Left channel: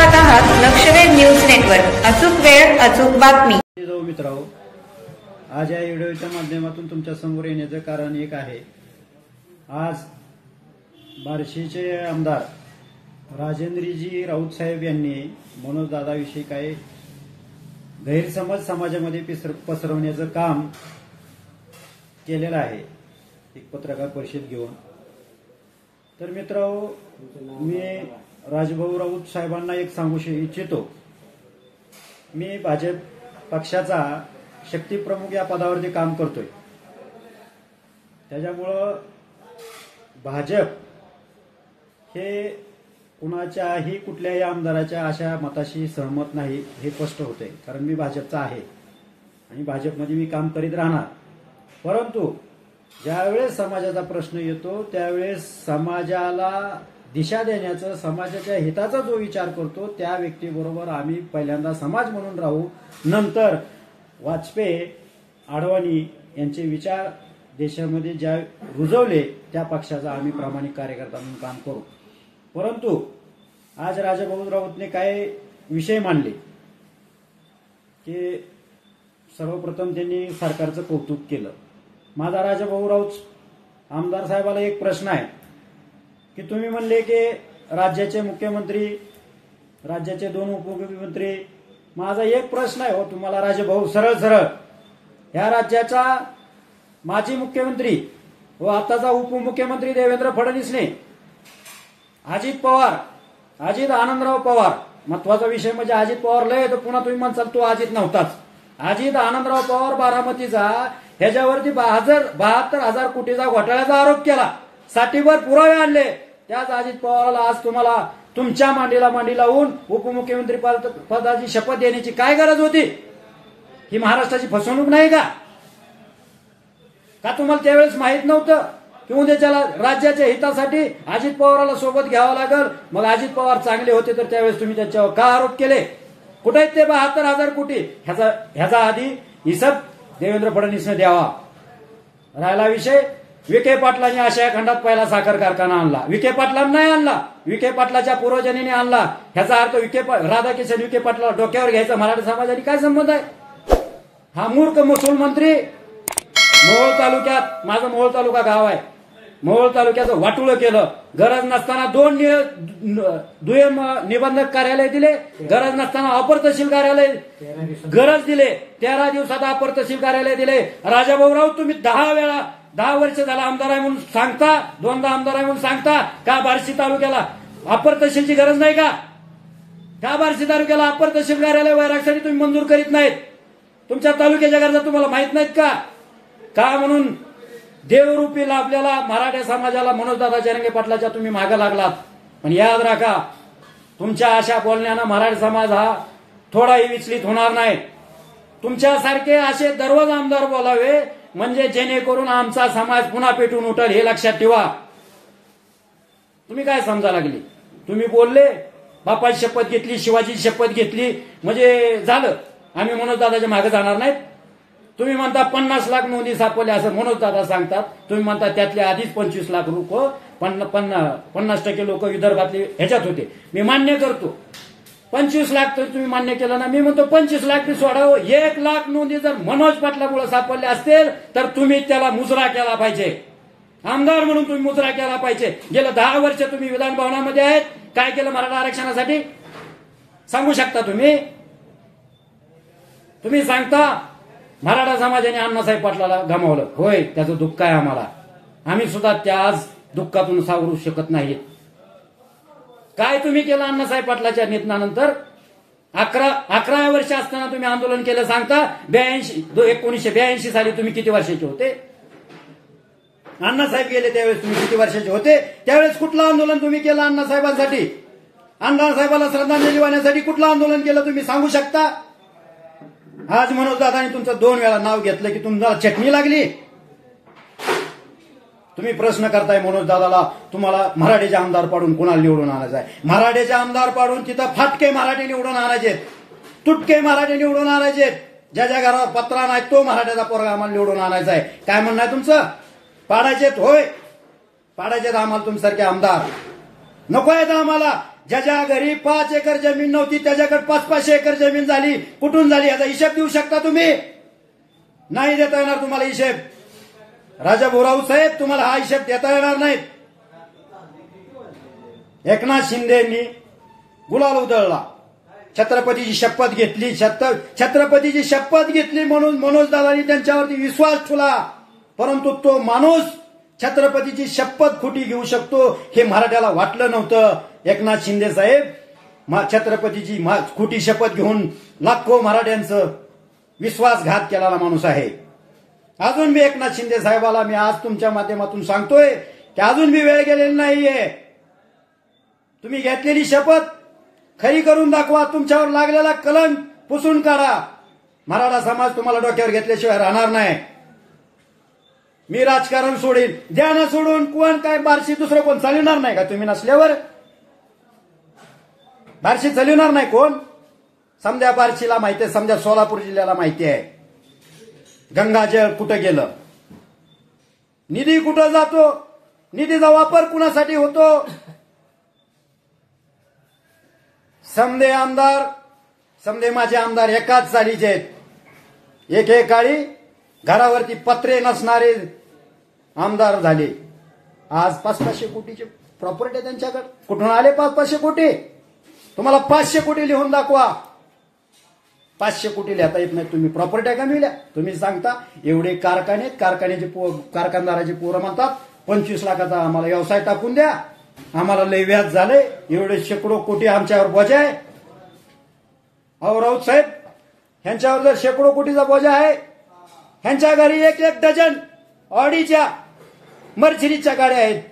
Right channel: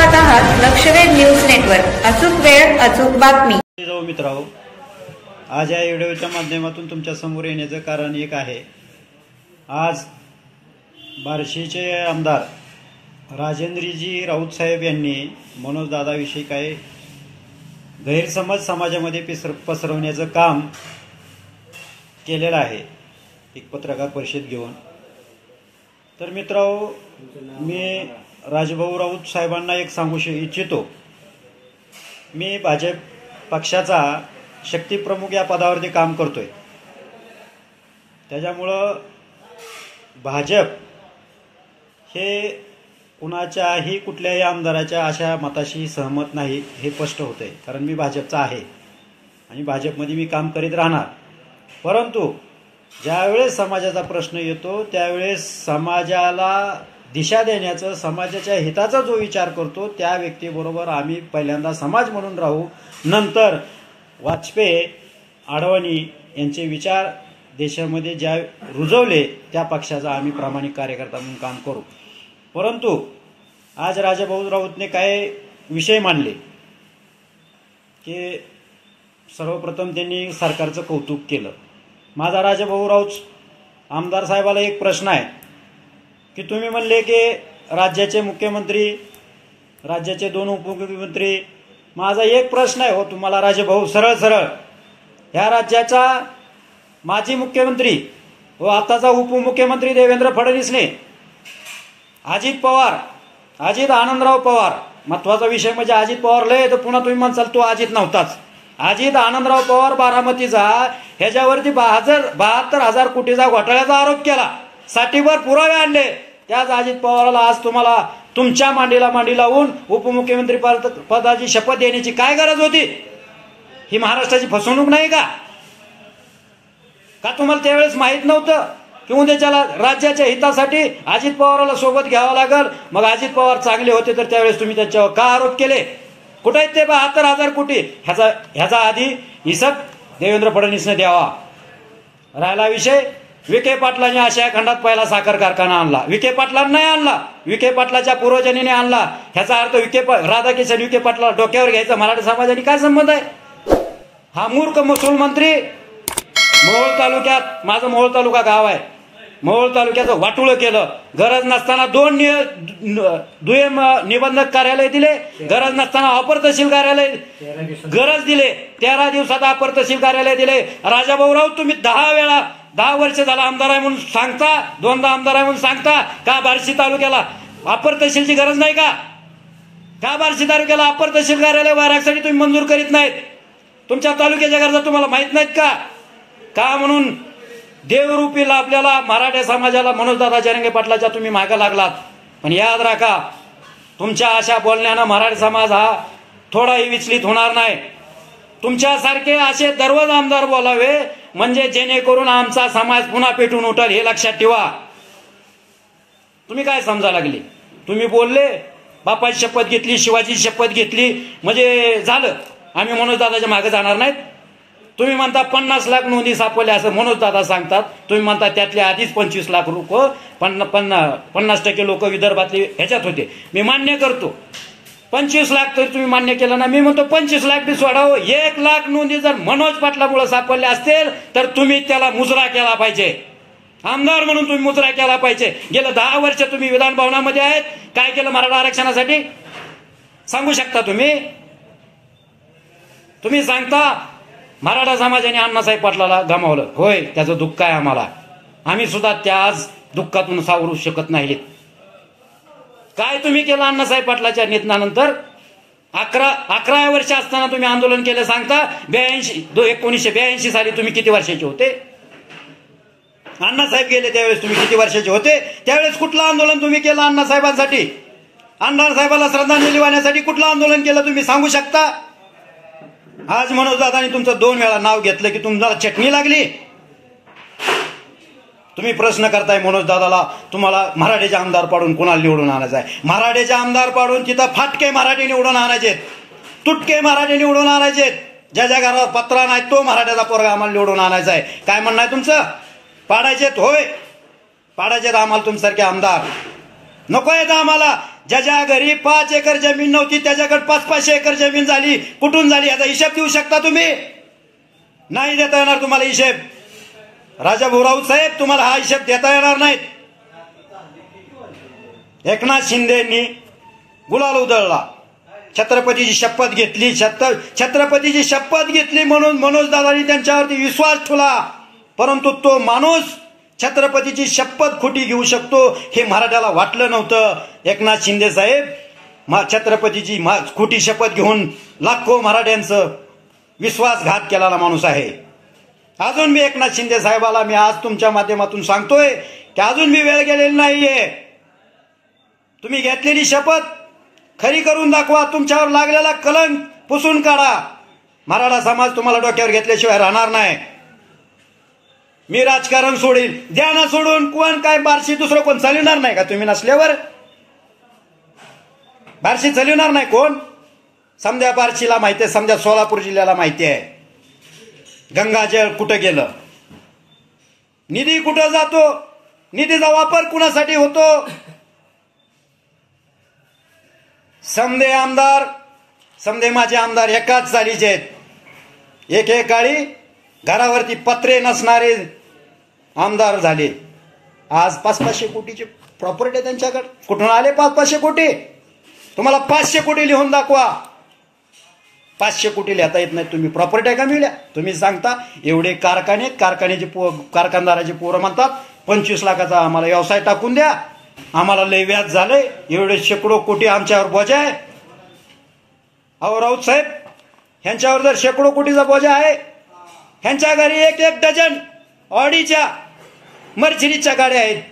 पाहत आहात लक्षवेध news network. अचूक वेळ अचूक बातमी. मित्रांनो, आज या व्हिडिओच्या माध्यमातून तुमच्या समोर येण्याचं कारण एक आहे. आज बार्शीचे आमदार राजेंद्रजी राऊत साहेब यांनी मनोज दादाविषयी काही गैरसमज समाजामध्ये पसरवण्याचं काम केलेलं आहे एक पत्रकार परिषद घेऊन. तर मित्रांनो, मी राजभाऊ राऊत साहेबांना एक सांगू इच्छितो. मी भाजप पक्षाचा शक्तीप्रमुख या पदावरती काम करतोय. त्याच्यामुळं भाजप हे कुणाच्याही कुठल्याही आमदाराच्या अशा मताशी सहमत नाही हे स्पष्ट होतंय. कारण मी भाजपचा आहे आणि भाजपमध्ये मी काम करीत राहणार. परंतु ज्यावेळेस समाजाचा प्रश्न येतो त्यावेळेस समाजाला दिशा देण्याचं, समाजाच्या हिताचा जो विचार करतो त्या व्यक्तीबरोबर आम्ही पहिल्यांदा समाज म्हणून राहू. नंतर वाजपेयी, आडवाणी यांचे विचार देशामध्ये ज्या रुजवले त्या पक्षाचा आम्ही प्रामाणिक कार्यकर्ता म्हणून काम करू. परंतु आज राजाभाऊ राऊतने काय विषय मांडले की सर्वप्रथम त्यांनी सरकारचं कौतुक केलं. माझा राजाभाऊ राऊत आमदार साहेबाला एक प्रश्न आहे की तुम्ही म्हणले की राज्याचे मुख्यमंत्री, राज्याचे 2 उपमुख्यमंत्री. माझा एक प्रश्न आहे हो तुम्हाला राजाभाऊ, सरळ सरळ, ह्या राज्याचा माजी मुख्यमंत्री व आताचा उपमुख्यमंत्री देवेंद्र फडणवीसने, अजित पवार, अजित आनंदराव पवार, महत्वाचा विषय म्हणजे अजित पवार लय तर पुन्हा तुम्ही म्हणसाल तो अजित नव्हताच. अजित आनंदराव पवार बारामतीचा ह्याच्यावरती 72,000 कोटीचा घोटाळ्याचा आरोप केला. साठीभर पुरावे आणले. त्याच अजित पवारला आज तुम्हाला तुमच्या मांडी लावून उपमुख्यमंत्री पदाची शपथ देण्याची काय गरज होती? ही महाराष्ट्राची फसवणूक नाही का? तुम्हाला त्यावेळेस माहित नव्हतं की उद्याच्याला राज्याच्या हितासाठी अजित पवारला सोबत घ्यावं लागल? मग अजित पवार चांगले होते तर त्यावेळेस तुम्ही त्यांच्यावर का आरोप केले? कुठे आहेत ते 72,000 कोटी? ह्याचा आधी हिसाब देवेंद्र फडणवीसने द्यावा. राहिला विषय, विखे पाटलांनी आशिया खंडात पहिला साखर कारखाना आणला. विखे पाटलांना नाही आणला, विखे पाटलाच्या पूर्वजांनी आणला. ह्याचा अर्थ राधाकिशन विखे पाटला डोक्यावर घ्यायचा मराठा समाजाने काय संबंध आहे? हा मूर्ख महसूल मंत्री मोहोळ तालुक्यात, माझं मोहोळ तालुका गाव आहे, मोहोळ तालुक्याचं वाटुळं केलं. गरज नसताना 2 दुय्यम निबंधक कार्यालय दिले, गरज नसताना अपर तहसील कार्यालय गरज दिले, 13 दिवसात अपर तहसील कार्यालय दिले. राजाभाऊ राऊत तुम्ही 10 वर्ष झाला आमदार आहे म्हणून सांगता, 2दा आमदार आहे म्हणून सांगता का बार्शी तालुक्याला अपर तहसीलची गरज नाही का? बार्शी तालुक्याला अपर तहसील कार्यालय वारासाठी तुम्ही मंजूर करीत नाहीत? तुमच्या तालुक्याच्या गरजा तुम्हाला माहित नाहीत का? म्हणून देवरूपी लाभलेला मराठा समाजाला मनोजदादा जरांगे पाटलाच्या तुम्ही मागे लागलात. पण याद राखा, तुमच्या अशा बोलण्यानं मराठा समाज हा थोडाही विचलित होणार नाही. तुमच्यासारखे असे दररोज आमदार बोलावे म्हणजे जेणेकरून आमचा समाज पुन्हा पेटून उठल हे लक्षात ठेवा. तुम्ही काय समजा लागले? तुम्ही बोलले, बापाची शपथ घेतली, शिवाजीची शपथ घेतली म्हणजे झालं, आम्ही मनोजदादाच्या मागे जाणार नाहीत. तुम्ही म्हणता 50 लाख नोंदी सापडल्या असं मनोजदादा सांगतात. तुम्ही म्हणता त्यातले आधीच 25 लाख लोक, 50% लोक विदर्भातले ह्याच्यात होते. मी मान्य करतो 25 लाख तरी तुम्ही मान्य केलं ना. मी म्हणतो 25 लाख बी सोडावं. 1 लाख नोंदी जर मनोज पाटलामुळे सापडल्या असतील तर तुम्ही त्याला मुजरा केला पाहिजे. आमदार म्हणून तुम्ही मुजरा केला पाहिजे. गेलं 10 वर्ष तुम्ही विधान भवनामध्ये आहेत, काय केलं मराठा आरक्षणासाठी सांगू शकता तुम्ही? तुम्ही सांगता मराठा समाजाने अण्णासाहेब पाटलाला गमावलं. होय, त्याचं दुःख आहे आम्हाला. आम्ही सुद्धा त्या आज दुःखातून सावरू शकत नाहीत. काय तुम्ही केलं अण्णासाहेब पाटलाच्या निधनानंतर? 11 वर्ष असताना तुम्ही आंदोलन केलं सांगता. 1982 साली तुम्ही किती वर्षाचे होते? अण्णासाहेब गेले त्यावेळेस तुम्ही किती वर्षाचे होते? त्यावेळेस कुठलं आंदोलन तुम्ही केलं अण्णासाहेबांसाठी? अण्णासाहेबाला श्रद्धांजली वाहण्यासाठी कुठलं आंदोलन केलं तुम्ही सांगू शकता? आज मनोज दादानी तुमचं 2 वेळा नाव घेतलं की तुम्हाला चटणी लागली. तुम्ही प्रश्न करताय मनोज दादाला, तुम्हाला मराठीचे आमदार पाडून कोणाला निवडून आणायचं आहे? मराठीचे आमदार पाडून तिथं फाटके मराठी निवडून आणायचे, तुटके मराठी निवडून आणायचे. ज्या घरात पत्रा नाही तो मराठ्याचा पोरगा आम्हाला निवडून आणायचा आहे. काय म्हणणं आहे तुमचं? पाडायचेत? होय, पाडायचेत आम्हाला तुमच्यासारखे आमदार. नको आहेत आम्हाला. ज्याच्या घरी 5 एकर जमीन नव्हती त्याच्याकडे 500-500 एकर जमीन झाली. कुठून झाली याचा हिशेब देऊ शकता तुम्ही? नाही देता येणार तुम्हाला हिशेब. राजा भाऊराव साहेब तुम्हाला हा हिशेब देता येणार नाही. एकनाथ शिंदेंनी गुलाल उधळला, छत्रपतीची शपथ घेतली, छत्रपतीची शपथ घेतली म्हणून मनोजदादांनी त्यांच्यावरती विश्वास ठेवला. परंतु तो माणूस छत्रपतीची शपथ खोटी घेऊ शकतो हे मराठ्याला वाटलं नव्हतं. एकनाथ शिंदे साहेब छत्रपतीची खोटी शपथ घेऊन लाखो मराठ्यांचं विश्वासघात केलेला माणूस आहे. अजून मी एकनाथ शिंदे साहेबाला मी आज तुमच्या माध्यमातून सांगतोय की अजून मी वेळ गेलेली नाहीये. तुम्ही घेतलेली शपथ खरी करून दाखवा. तुमच्यावर लागलेला कलंक पुसून काढा. मराठा समाज तुम्हाला डोक्यावर घेतल्याशिवाय राहणार नाही. मी राजकारण सोडीन, द्या ना सोडून. कोण काय बार्शी दुसरं कोण चालवणार नाही का? तुम्ही नसल्यावर बार्शी चालवणार नाही कोण? समजा बार्शीला माहिती आहे, समजा सोलापूर जिल्ह्याला माहिती आहे गंगाजळ कुठं गेलं, निधी कुठं जातो, निधीचा वापर कुणासाठी होतो. समदे आमदार, समदे माझे आमदार एकाच चालीचे आहेत. एकेकाळी घरावरती पत्रे नसणारे आमदार झाले. आज 500-500 कोटीची प्रॉपर्टी आहे त्यांच्याकडे. कुठून आले 500-500 कोटी? तुम्हाला 500 कोटी लिहून दाखवा. 500 कोटी लिहिता येत नाही. तुम्ही प्रॉपर्टी का मिळल्या? तुम्ही सांगता एवढे कारखान्याचे कारखानदाराचे पोरं म्हणतात 25 लाखाचा आम्हाला व्यवसाय टाकून द्या, आम्हाला लय व्याज झालंय, एवढे शेकडो कोटी आमच्यावर बोजा आहे. अहो राऊत साहेब, ह्यांच्यावर जर शेकडो कोटीचा बोजा आहे, ह्यांच्या घरी 1-1 डझन ऑडीच्या मर्सिडीजच्या गाड्या आहेत.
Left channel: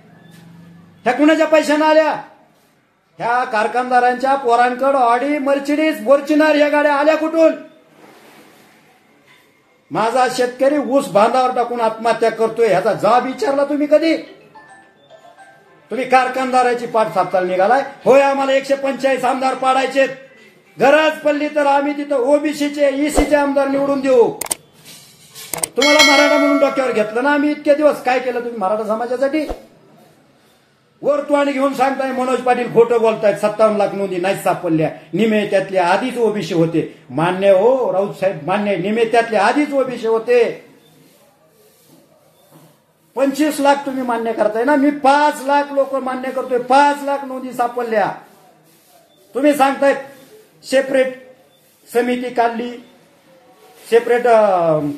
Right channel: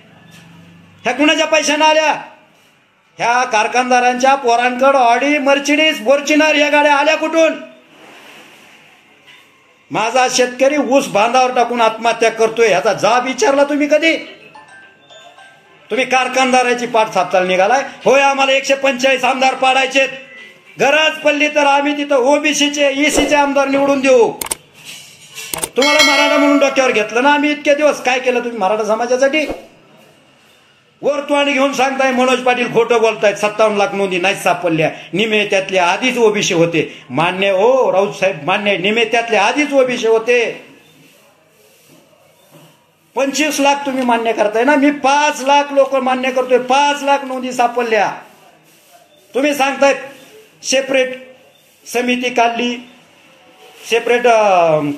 ह्या कुणाच्या पैशाने आल्या? ह्या कारखानदारांच्या पोरांकडे ऑडी, मर्सिडीज, फॉर्च्युनर या गाड्या आल्या कुठून? माझा शेतकरी ऊस बांधावर टाकून आत्महत्या करतोय, ह्याचा जबाब विचारला तुम्ही कधी? तुम्ही कारखानदाराची पाठ सापचाल निघालाय. होय, आम्हाला 145 आमदार पाडायचे, गरज पडली तर आम्ही तिथं ओबीसीचे, ईसीचे आमदार निवडून देऊ. तुम्हाला मराठा म्हणून डोक्यावर घेतलं ना आम्ही. इतके दिवस काय केलं तुम्ही मराठा समाजासाठी? वर तोंड घेऊन सांगताय मनोज पाटील खोटं बोलतायत. 57 लाख नोंदी नाहीच सापडल्या. निमे त्यातले आधीच ओबीसी होते. मान्य हो राऊत साहेब, मान्य. निमे त्यातले आधीच ओबीसी होते. 25 लाख तुम्ही मान्य करताय ना. मी 5 लाख लोक मान्य करतोय. 5 लाख नोंदी सापडल्या. तुम्ही सांगतायत सेपरेट समिती काढली, सेपरेट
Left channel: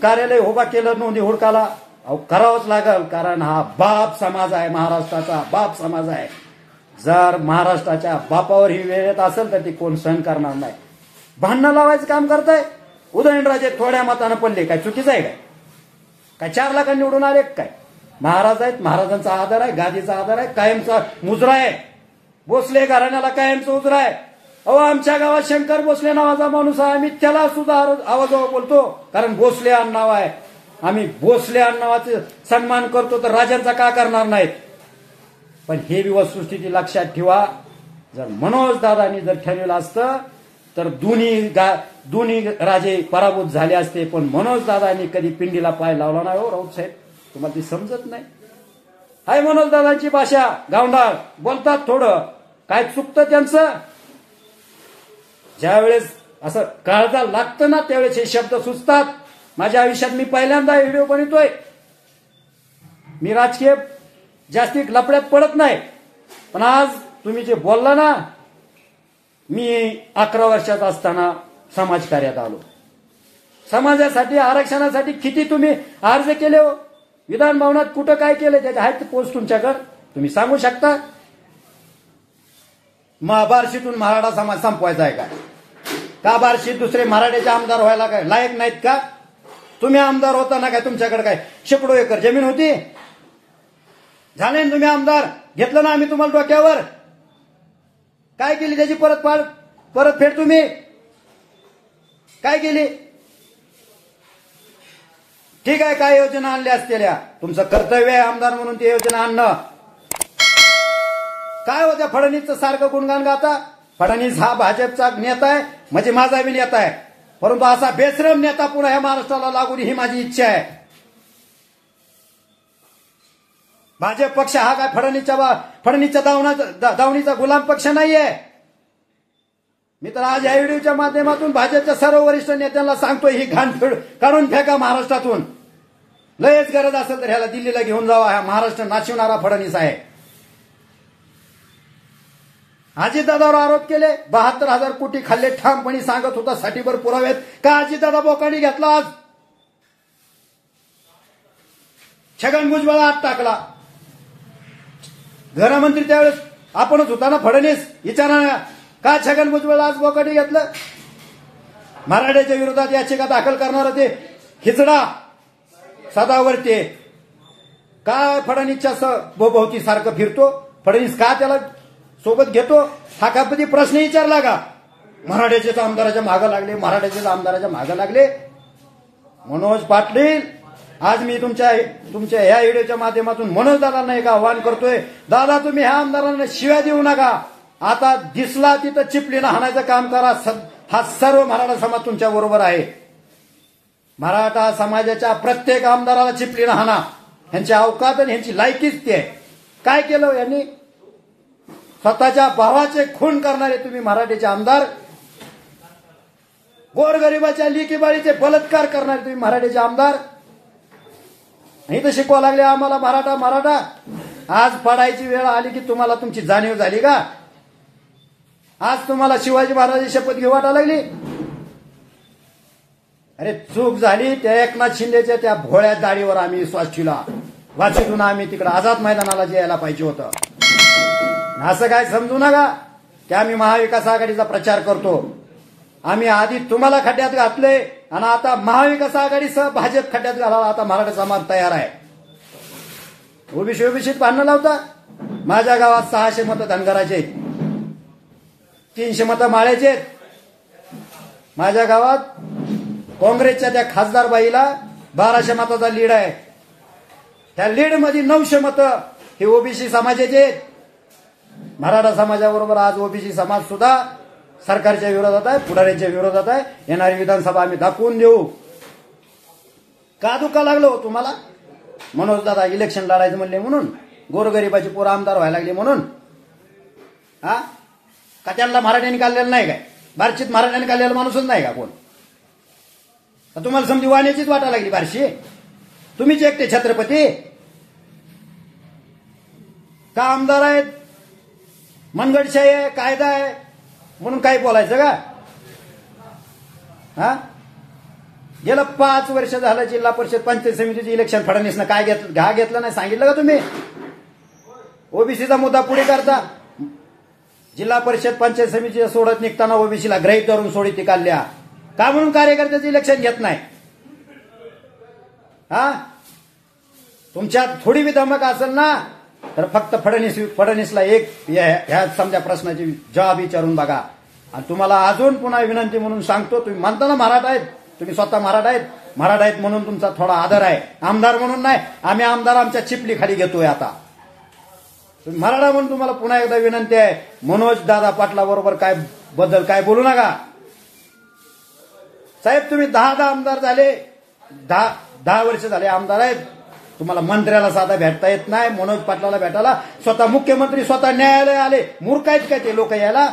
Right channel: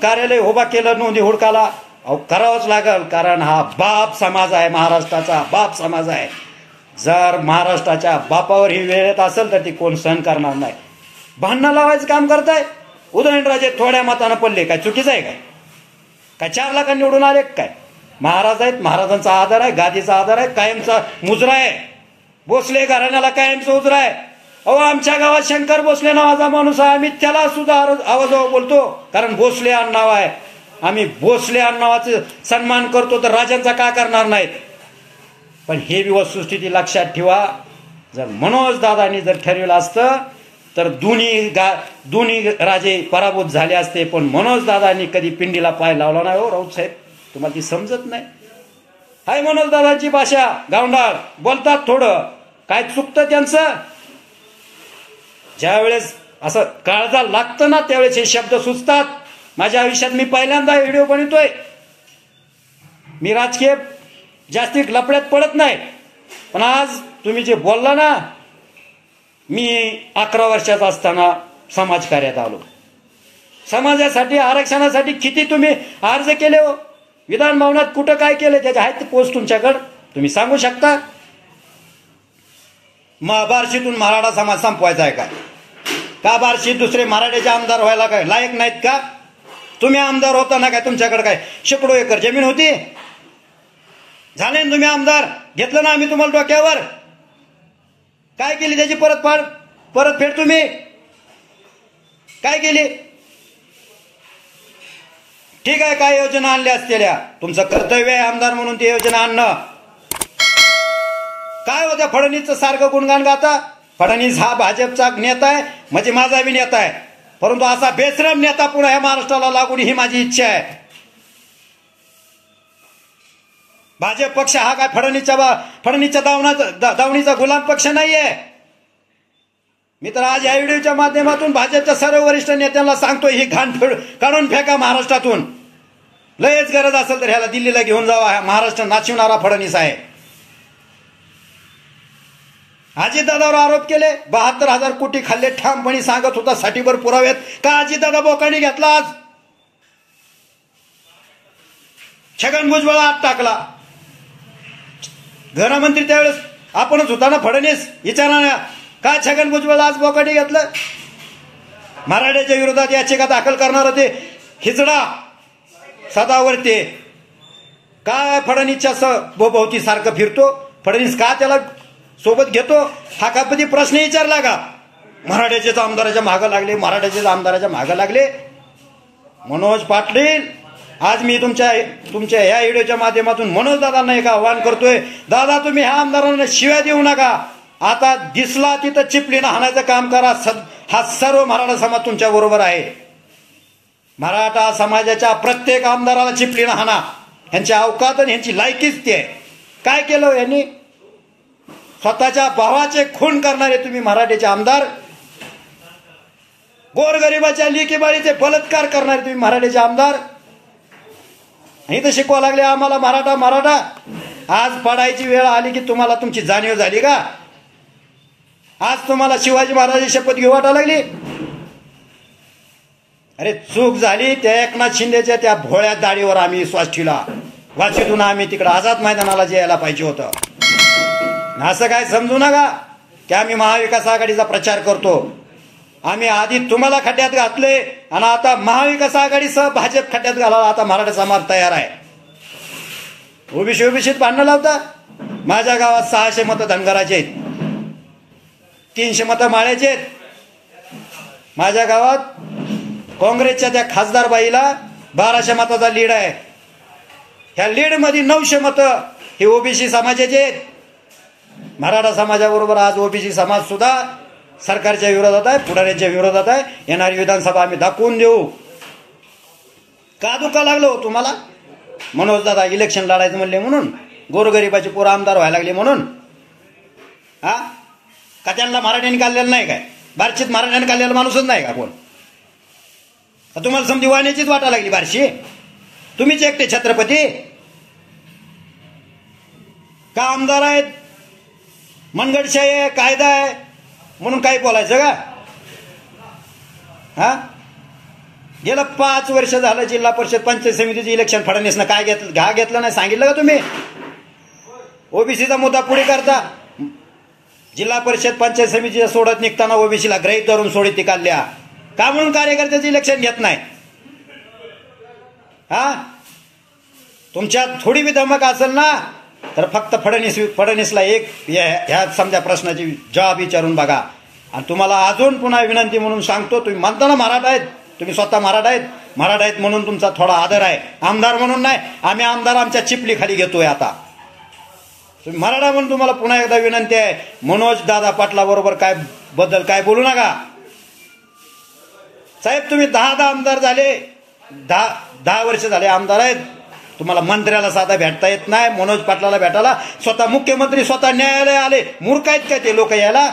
कार्यालय उभा केलं नोंदी हुडकाला. अहो करावंच लागल, कारण हा बाप समाज आहे, महाराष्ट्राचा बाप समाज आहे. जर महाराष्ट्राच्या बापावर ही वेळ येत असेल तर ती कोण सहन करणार नाही. भांडणं लावायचं काम करताय. उदयनराजे थोड्या मतानं पडले, काय चुकीचं आहे? काय 4 लाखांनी निवडून आले काय? महाराज आहेत, महाराजांचा आधार आहे, गादीचा आधार आहे, कायमचा मुजरा आहे. भोसले घराण्याला कायमचा उजरा आहे. अहो आमच्या गावात शंकर भोसले नावाचा माणूस आहे, आम्ही त्याला सुद्धा आवाजावर बोलतो, कारण भोसले नाव आहे. आम्ही भोसले नावाचे सन्मान करतो, तर राजांचा का करणार नाहीत? पण हे वस्तुस्थिती लक्षात ठेवा. जर मनोज दादांनी जर ठरविलं असतं तर दोन्ही राजे पराभूत झाले असते. पण मनोज दादांनी कधी पिंडीला पाय लावला नाही. हो राऊत साहेब, तुम्हाला ती समजत नाही. हाय मनोज दादांची भाषा गावंढाळ बोलतात, थोडं काय चुकतं त्यांचं. ज्या वेळेस असं काळजा लागतं ना त्यावेळेस हे शब्द सुचतात. माझ्या आयुष्यात मी पहिल्यांदा व्हिडिओ बनवतोय. मी राजकीय जास्ती लपड्यात पडत नाही, पण आज तुम्ही जे बोलला ना, मी 11 वर्षाचा असताना समाजकार्यात आलो. समाजासाठी, आरक्षणासाठी किती तुम्ही अर्ज केले हो. विधान भवनात कुठं काय केलं त्याच्या आहेत पोस्ट तुमच्याकडे, तुम्ही सांगू शकता. बार्शीतून मराठा समाज संपवायचा आहे का बार्शीत दुसरे मराठ्याचे आमदार व्हायला काय लायक नाहीत का? तुम्ही आमदार होता ना काय, तुमच्याकडे काय शेकडो एकर जमीन होती? झाले ना तुम्ही आमदार, घेतलं ना आम्ही तुम्हाला डोक्यावर. काय केली त्याची परतफेड तुम्ही? काय केली? ठीक आहे, काय योजना आणल्या असलेल्या, तुमचं कर्तव्य आहे आमदार म्हणून ती योजना आणणं. काय होत्या फडणवीसचं सारखं गुणगान गाता? फडणवीस हा भाजपचा नेता आहे, म्हणजे माझा बी नेता आहे, परंतु असा बेशरम नेता पुन्हा ह्या महाराष्ट्राला लागून ही माझी इच्छा आहे. भाजप पक्ष हा काय फडणवीसच्या दावणीचा गुलाम पक्ष नाहीये. मी तर आज या व्हिडिओच्या माध्यमातून भाजपच्या सर्व वरिष्ठ नेत्यांना सांगतोय, ही घाण काढून फेका महाराष्ट्रातून. लयच गरज असेल तर ह्याला दिल्लीला घेऊन जावा. हा महाराष्ट्र नाचवणारा फडणवीस आहे. अजितदादावर आरोप केले, 72,000 कोटी खाल्ले ठामपणे सांगत होता. साठीभर पुरावेत का अजितदादा बोकांडी घेतला? आज छगन भुजबळ आत टाकला. गृहमंत्री त्यावेळेस आपणच होता ना फडणवीस. विचारा का छगन भुजबळ आज बोकांडी घेतलं? मराठ्याच्या विरोधात याचिका दाखल करणार ते हिजडा सदावर्ते काय फडणवीसच्या भोवती सारखं फिरतो? फडणवीस का त्याला सोबत घेतो? हा कधी प्रश्न विचारला का? मराठ्याचेच आमदाराच्या मागं लागले, मराठ्याचेच आमदाराच्या मागं लागले. मनोज पाटील, आज मी तुमच्या ह्या व्हिडिओच्या माध्यमातून मनोज दादांना एक आव्हान करतोय. दादा, तुम्ही ह्या आमदारांना शिव्या देऊ नका. आता दिसला तिथं चिपलीनं हाणायचं काम करा. हा सर्व मराठा समाज तुमच्या बरोबर आहे. मराठा समाजाच्या प्रत्येक आमदाराला चिपलीनं हाणा. ह्यांची अवकात आणि ह्यांची लायकीच ती आहे. काय केलं यांनी? स्वतःच्या भावाचे खून करणारे तुम्ही मराठीचे आमदार, गोरगरिबाच्या लेकीबाळीचे बलात्कार करणारे तुम्ही मराठीचे आमदार. इथं शिकवा लागले आम्हाला मराठा मराठा. आज पडायची वेळ आली की तुम्हाला तुमची जाणीव झाली का? आज तुम्हाला शिवाजी महाराजांची शपथ घेऊ वाटा लागली? अरे चूक झाली त्या एकनाथ शिंदेच्या त्या भोळ्या दाढीवर आम्ही विश्वास ठेवला. वाचीतून आम्ही तिकडे आझाद मैदानाला यायला पाहिजे होतं. असं काय समजू नका की आम्ही महाविकास आघाडीचा प्रचार करतो. आम्ही आधी तुम्हाला खड्ड्यात घातले आणि आता महाविकास आघाडीसह भाजप खड्ड्यात घालावा. आता मराठा समाज तयार आहे. ओबीसीत भांडणं लावता. माझ्या गावात 600 मतं धनगराचे आहेत, 300 मतं माळ्याचे आहेत. माझ्या गावात काँग्रेसच्या त्या खासदार बाईला 1200 मताचा लीड आहे. ह्या लीड मध्ये 900 मतं हे ओबीसी समाजाचे आहेत. मराठा समाजाबरोबर आज ओबीसी समाज सुद्धा सरकारच्या विरोधात आहे, पुढाऱ्यांच्या विरोधात आहे. येणारी विधानसभा आम्ही दाखवून देऊ. का दुखा लागलो तुम्हाला? मनोज दादा इलेक्शन लढायचं म्हणले म्हणून, गोरगरिबाची पोरं आमदार व्हायला लागले म्हणून? हा का त्यांना मराठ्याने काढलेलं नाही काय? बार्शीत मराठ्याने काढलेला माणूसच नाही का कोण? तुम्हाला समजी वाण्याचीच वाटा लागली बार्शी? तुम्हीच एकटे छत्रपती का? आमदार आहेत, मनगडशाही आहे, कायदा आहे म्हणून काही बोलायचं का? हा गेलं 5 वर्ष झालं जिल्हा परिषद पंचायत समितीचे इलेक्शन फडणवीसनं काय घेतलं नाही सांगितलं का तुम्ही? ओबीसीचा मुद्दा पुढे करता. जिल्हा परिषद पंचायत समितीच्या सोडत निघताना ओबीसीला ग्रहित धरून सोडीत ती काढल्या का? म्हणून कार्यकर्त्याचं इलेक्शन घेत नाही. हा तुमच्यात थोडी बी धमक असेल ना तर फक्त फडणवीसला एक ह्या समजा प्रश्नाची जबाब विचारून बघा. आणि तुम्हाला अजून पुन्हा विनंती म्हणून सांगतो, तुम्ही म्हणता ना मराठा आहेत, तुम्ही स्वतः मराठा आहेत म्हणून तुमचा थोडा आदर आहे. आमदार म्हणून नाही. आम्ही आमदार आमच्या चिपली खाली घेतोय. आता तुम्ही मराठा म्हणून तुम्हाला पुन्हा एकदा विनंती आहे, मनोज दादा पाटला बरोबर काय बोलू नका. साहेब तुम्ही 10 आमदार झाले, 10 वर्ष झाले आमदार आहेत. तुम्हाला मंत्र्याला साधा भेटता येत नाही, मनोज पाटलाला भेटायला स्वतः मुख्यमंत्री स्वतः न्यायालय आले. मूर्ख आहेत काय ते लोक? यायला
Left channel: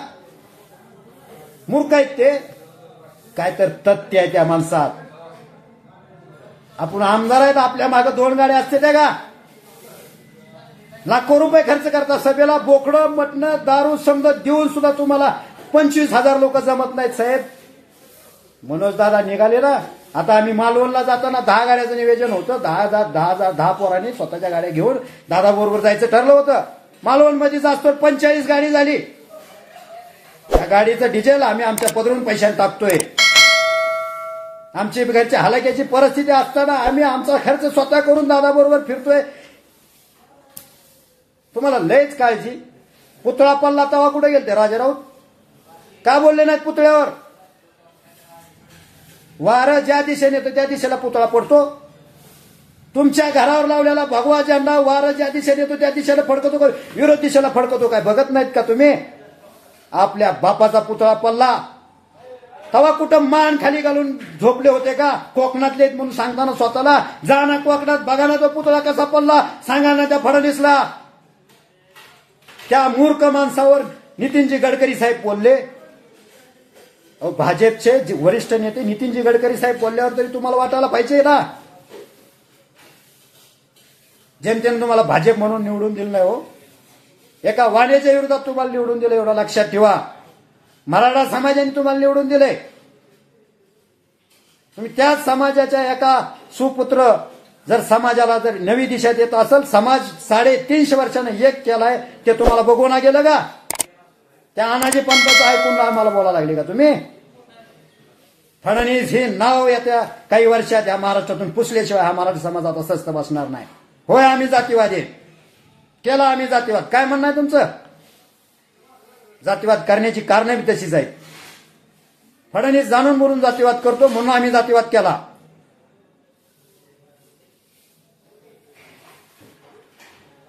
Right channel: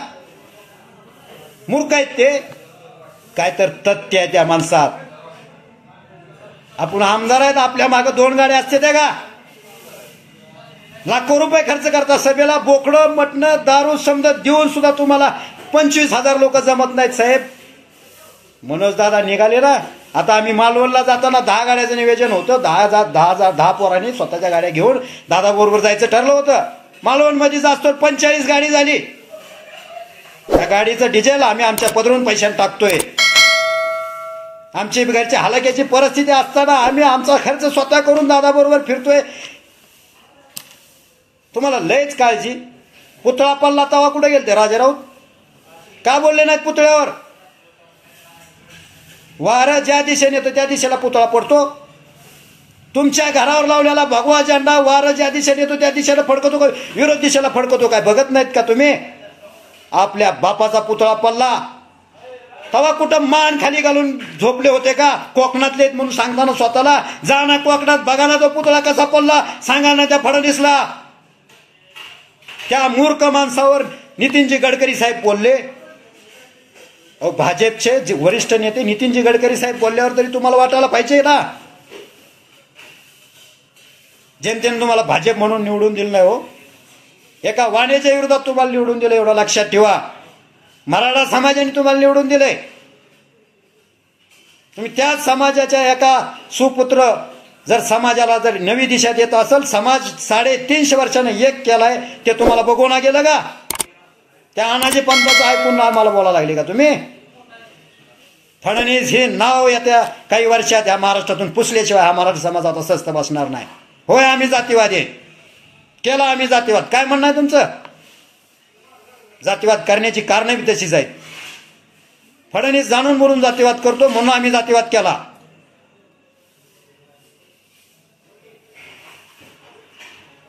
मूर्ख आहेत ते? काय तर तथ्य आहे त्या माणसात. आपण आमदार आहेत, आपल्या मागे 2 गाड्या असते त्या का? लाखो रुपये खर्च करता सभेला, बोकडं मटणं दारू समजा देऊन सुद्धा तुम्हाला 25,000 लोक जमत नाहीत. साहेब मनोज दादा निघाले ना. आता आम्ही मालवणला जाताना 10 गाड्याचं नियोजन होतं. 10 पोरांनी स्वतःच्या गाड्या घेऊन दादा बरोबर जायचं ठरलं होतं. मालवण मध्ये जास्तो 45 गाडी झाली. त्या गाडीचं डिझेल आम्ही आमच्या पदरून पैशाने टाकतोय. आमची घरच्या हलाक्याची परिस्थिती असताना आम्ही आमचा खर्च स्वतः करून दादा बरोबर फिरतोय. तुम्हाला लयच काळजी. पुतळा पडला तवा कुठे गेलते राजा राऊत? का बोलले नाहीत पुतळ्यावर? वारं ज्या दिशेने येतं त्या दिशेला पुतळा पडतो. तुमच्या घरावर लावलेला भगवा झेंडा वारं ज्या दिशेने येतो त्या दिशेला फडकतो का विरोध दिशेला फडकतो काय? बघत नाहीत का तुम्ही? आपल्या बापाचा पुतळा पडला, तेव्हा कुठं मान खाली घालून झोपले होते का? कोकणातले आहेत म्हणून सांगताना स्वतःला जा ना कोकणात, बघा ना तो पुतळा कसा पडला, सांगा ना त्या फडणवीसला. त्या मूर्ख माणसावर नितीनजी गडकरी साहेब बोलले. भाजपचे वरिष्ठ नेते नितीनजी गडकरी साहेब बोलल्यावर तरी तुम्हाला वाटायला पाहिजे ना. जेमतेम तुम्हाला भाजप म्हणून निवडून दिलं नाही हो, एका वाण्याच्या विरोधात तुम्हाला निवडून दिलं, एवढं लक्षात ठेवा. मराठा समाजाने तुम्हाला निवडून दिले. तुम्ही त्याच समाजाच्या एका सुपुत्र जर समाजाला जर नवी दिशा देत असेल, समाज 350 वर्षानं एक केलाय, ते तुम्हाला बघून गेलं का? त्या अनाजी पंथाचं ऐकून आम्हाला बोलायला लागले का तुम्ही? फडणवीस हे नाव येत्या काही वर्षात ह्या महाराष्ट्रातून पुसल्याशिवाय हा मराठा समाज आता स्वस्थ बसणार नाही. होय आम्ही जातीवादी केला, आम्ही जातीवाद. काय म्हणणं आहे तुमचं? जातीवाद करण्याची कारणं बी तशीच आहेत. फडणवीस जाणून बोलून जातीवाद करतो म्हणून आम्ही जातीवाद केला.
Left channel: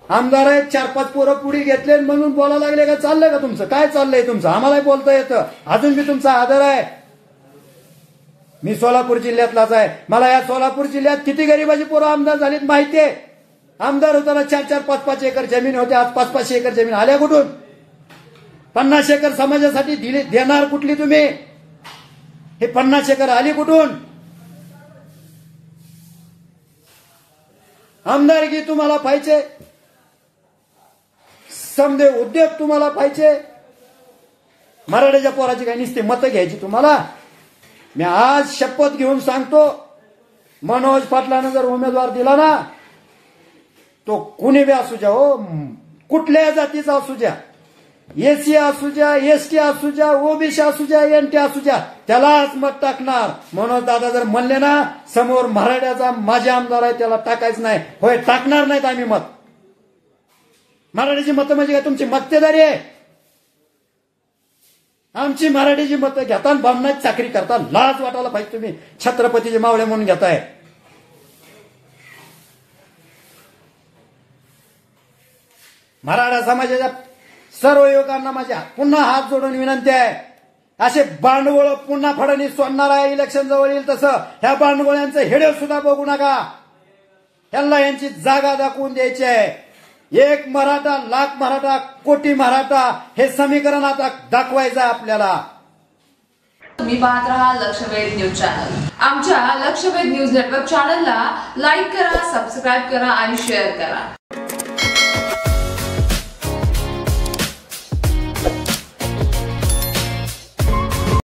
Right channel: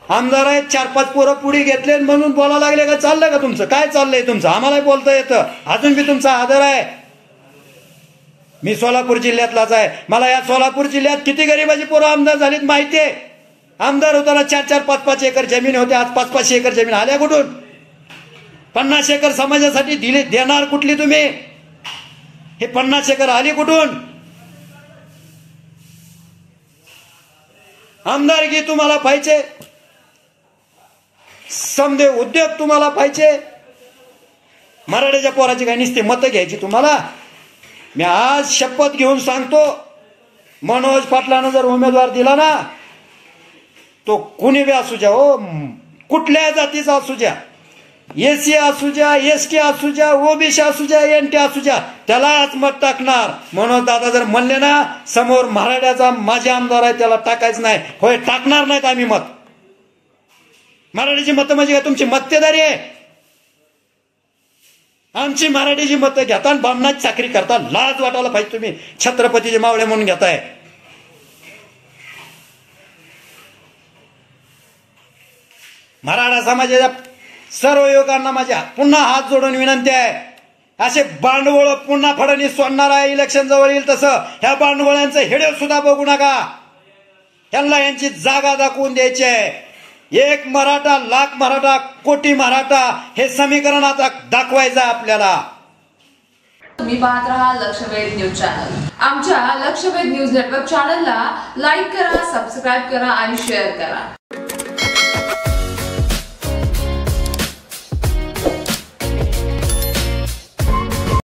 आमदार आहेत, 4-5 पोरं पुढे घेतले म्हणून बोलायला लागले का? चाललंय का तुमचं? काय चाललंय तुमचं? आम्हालाही बोलता येतं, अजून बी तुमचा आदर आहे. मी सोलापूर जिल्ह्यातलाच आहे. मला या सोलापूर जिल्ह्यात किती गरिबाची पोरं आमदार झालीत माहितीये. आमदार होताना 4-4, 5-5 एकर जमीन होते, आज 5-5 एकर जमीन आल्या कुठून? 50 एकर समाजासाठी दिली देणार कुठली तुम्ही? हे 50 एकर आली कुठून? आमदारकी तुम्हाला पाहिजे, समदे उद्योग तुम्हाला पाहिजे. मराठ्याच्या पोराची काही नुसते मतं घ्यायची तुम्हाला. मी आज शपथ घेऊन सांगतो, मनोज पाटलानं जर उमेदवार दिला ना, तो कुणी बी असू द्या हो, कुठल्या जातीचा असू द्या, एसी असू द्या, एसटी असू द्या, ओबीसी असू द्या, एनटी असू द्या, त्यालाच मत टाकणार. मनोज दादा जर म्हणले ना समोर मराठ्याचा माझे आमदार आहे त्याला टाकायचं नाही, होय टाकणार नाहीत आम्ही मत. मराठीची मतं म्हणजे काय तुमची मक्तेदारी आहे? आमची मराठीची मतं घेता आणि बामणाची चाकरी करता. लाज वाटायला पाहिजे. तुम्ही छत्रपतीचे मावळे म्हणून घेताय. मराठा समाजाच्या सर्व युवकांना माझ्या पुन्हा हात जोडून विनंती आहे, असे बांडवळ पुन्हा फडणवीस सोडणार आहे इलेक्शन जवळ येईल तसं. ह्या बांडवळ्यांचं हेडे सुद्धा बघू नका. त्यांना यांची जागा दाखवून द्यायची आहे. 1 मराठा, लाख मराठा, कोटी मराठा हे समीकरण आता दाखवायचं आपल्याला. तुम्ही पाहत रहा लक्षवेध न्यूज चॅनल. आमच्या लक्षवेध न्यूज नेटवर्क चॅनलला लाईक करा, सबस्क्राईब करा आणि शेअर करा.